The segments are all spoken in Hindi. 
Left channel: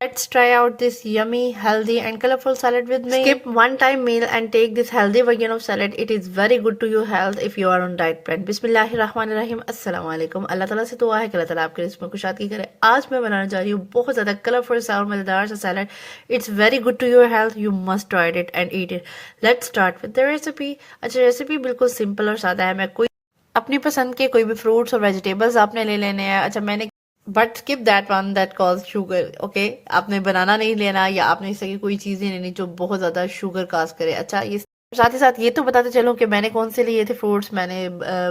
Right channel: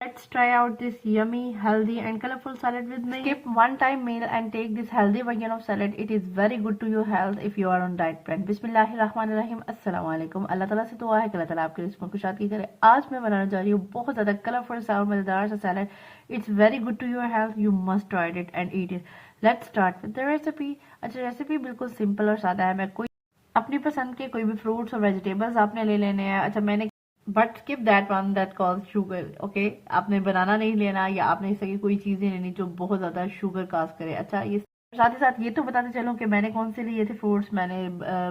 Let's try out this yummy, healthy and colorful salad with me. Skip one-time meal and take this healthy version of salad. It is very good to your health if you are on diet plan. बिस्मिल्लाहिर्रहमानिर्रहीम अस्सलाम वालेकुम। अल्लाह ताला से दुआ है कि अल्लाह ताला आपके रिस्क में कुशादगी करे। आज मैं बनाने जा रही हूँ बहुत ज़्यादा कलरफुल सा और मज़ेदार सा salad. It's very good to your health. You must try it and eat it. Let's start with the recipe. अच्छा, रेसिपी बिल्कुल सिंपल और सादा है। मैं कोई अपनी पसंद के कोई भी फ्रूट्स और वेजिटेबल्स आपने ले लेने हैं। अच्छा, मैंने but skip that one that cause sugar. Okay, आपने बनाना नहीं लेना या आपने इस तरह की कोई चीज़ नहीं लेनी जो बहुत ज़्यादा शुगर काज करे। अच्छा, ये साथ ही साथ ये तो बताते चलूँ कि मैंने कौन से लिए थे फ्रूट्स। मैंने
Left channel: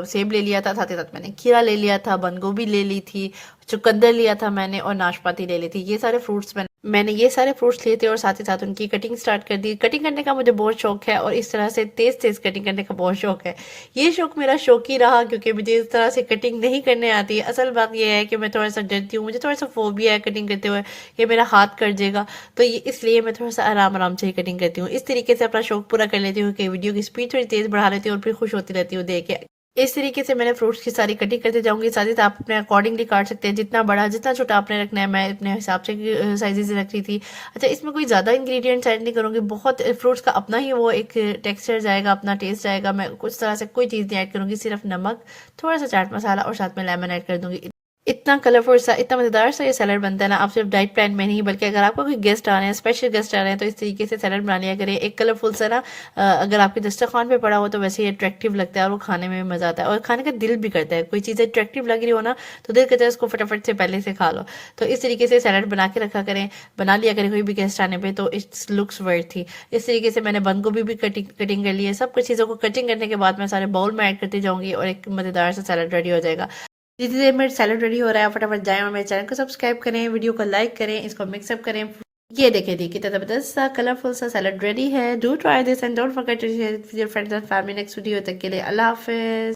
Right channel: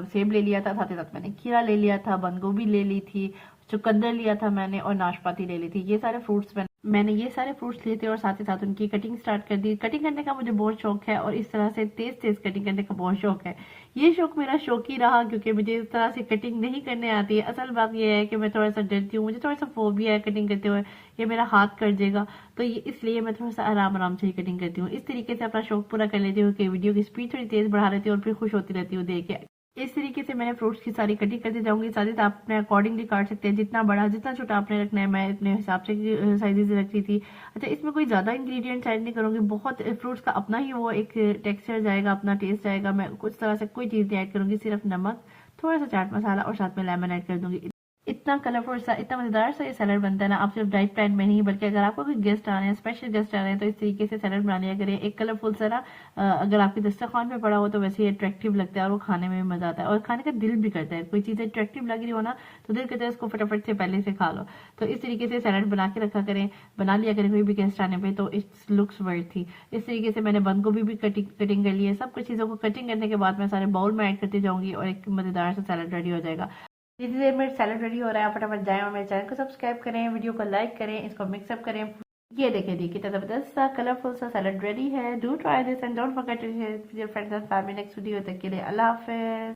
सेब ले लिया था, साथ ही साथ मैंने खीरा ले लिया था, बंद गोभी ले ली थी, चुकंदर लिया था मैंने और नाशपाती ले ली थी। ये सारे फ्रूट्स मैंने ये सारे फ्रूट्स लिए थे और साथ ही साथ उनकी कटिंग स्टार्ट कर दी। कटिंग करने का मुझे बहुत शौक है और इस तरह से तेज़ तेज़ कटिंग करने का बहुत शौक है। ये शौक मेरा शौक ही रहा क्योंकि मुझे इस तरह से कटिंग नहीं करने आती है। असल बात यह है कि मैं थोड़ा सा डरती हूँ, मुझे थोड़ा सा फोबिया है कटिंग करते हुए कि मेरा हाथ कट जाएगा। तो ये इसलिए मैं थोड़ा सा आराम आराम से ही कटिंग करती हूँ। इस तरीके से अपना शौक पूरा कर लेती हूँ कि वीडियो की स्पीड थोड़ी तेज़ बढ़ा लेती हूँ और फिर खुश होती रहती हूँ देख के। इस तरीके से मैंने फ्रूट्स की सारी कटिंग करते जाऊंगी। साथ ही साथ आप अपने अकॉर्डिंगली काट सकते हैं, जितना बड़ा जितना छोटा आपने रखना है। मैं अपने हिसाब से साइजेस रख रही थी। अच्छा, इसमें कोई ज़्यादा इंग्रेडिएंट्स ऐड नहीं करूँगी। बहुत फ्रूट्स का अपना ही वो एक टेक्सचर जाएगा, अपना टेस्ट जाएगा। मैं कुछ तरह से कोई चीज़ नहीं ऐड करूँगी, सिर्फ नमक, थोड़ा सा चाट मसाला और साथ में लेमन ऐड कर दूँगी। इतना कलरफुल सा, इतना मज़ेदार सा ये सैलड बनता है ना। आप सिर्फ डाइट प्लान में नहीं बल्कि अगर आपका कोई गेस्ट आ रहे हैं, स्पेशल गेस्ट आ रहे हैं, तो इस तरीके से सैलड बना लिया करें। एक कलरफुल सा ना अगर आपके दस्तरखान पे पड़ा हो तो वैसे ही अट्रैक्टिव लगता है और वो खाने में भी मज़ा आता है और खाने का दिल भी करता है। कोई चीज़ अट्रैक्टिव लग रही हो ना तो दिल करता है उसको फटाफट से पहले से खा लो। तो इस तरीके से सैलड बना के रखा करें, बना लिया करें कोई भी गेस्ट आने पर, तो इट्स लुक्स वर्थ थी। इस तरीके से मैंने बंद गोभी भी कटिंग कर ली है। सब कुछ चीज़ों को कटिंग करने के बाद मैं सारे बाउल में ऐड करती जाऊँगी और एक मज़ेदार सा सैलड रेडी हो जाएगा। जितनी देर में सैलड रेडी हो रहा है फटाफट जाएं और मेरे चैनल को सब्सक्राइब करें, वीडियो को लाइक करें, इसको मिक्सअप करें। ये देखें देखिए कितना जबरदस्त सा कलरफुल सा सैलड रेडी है। Do try this and don't forget to share with your friends and family. Next video तक के लिए अल्लाह हाफिज।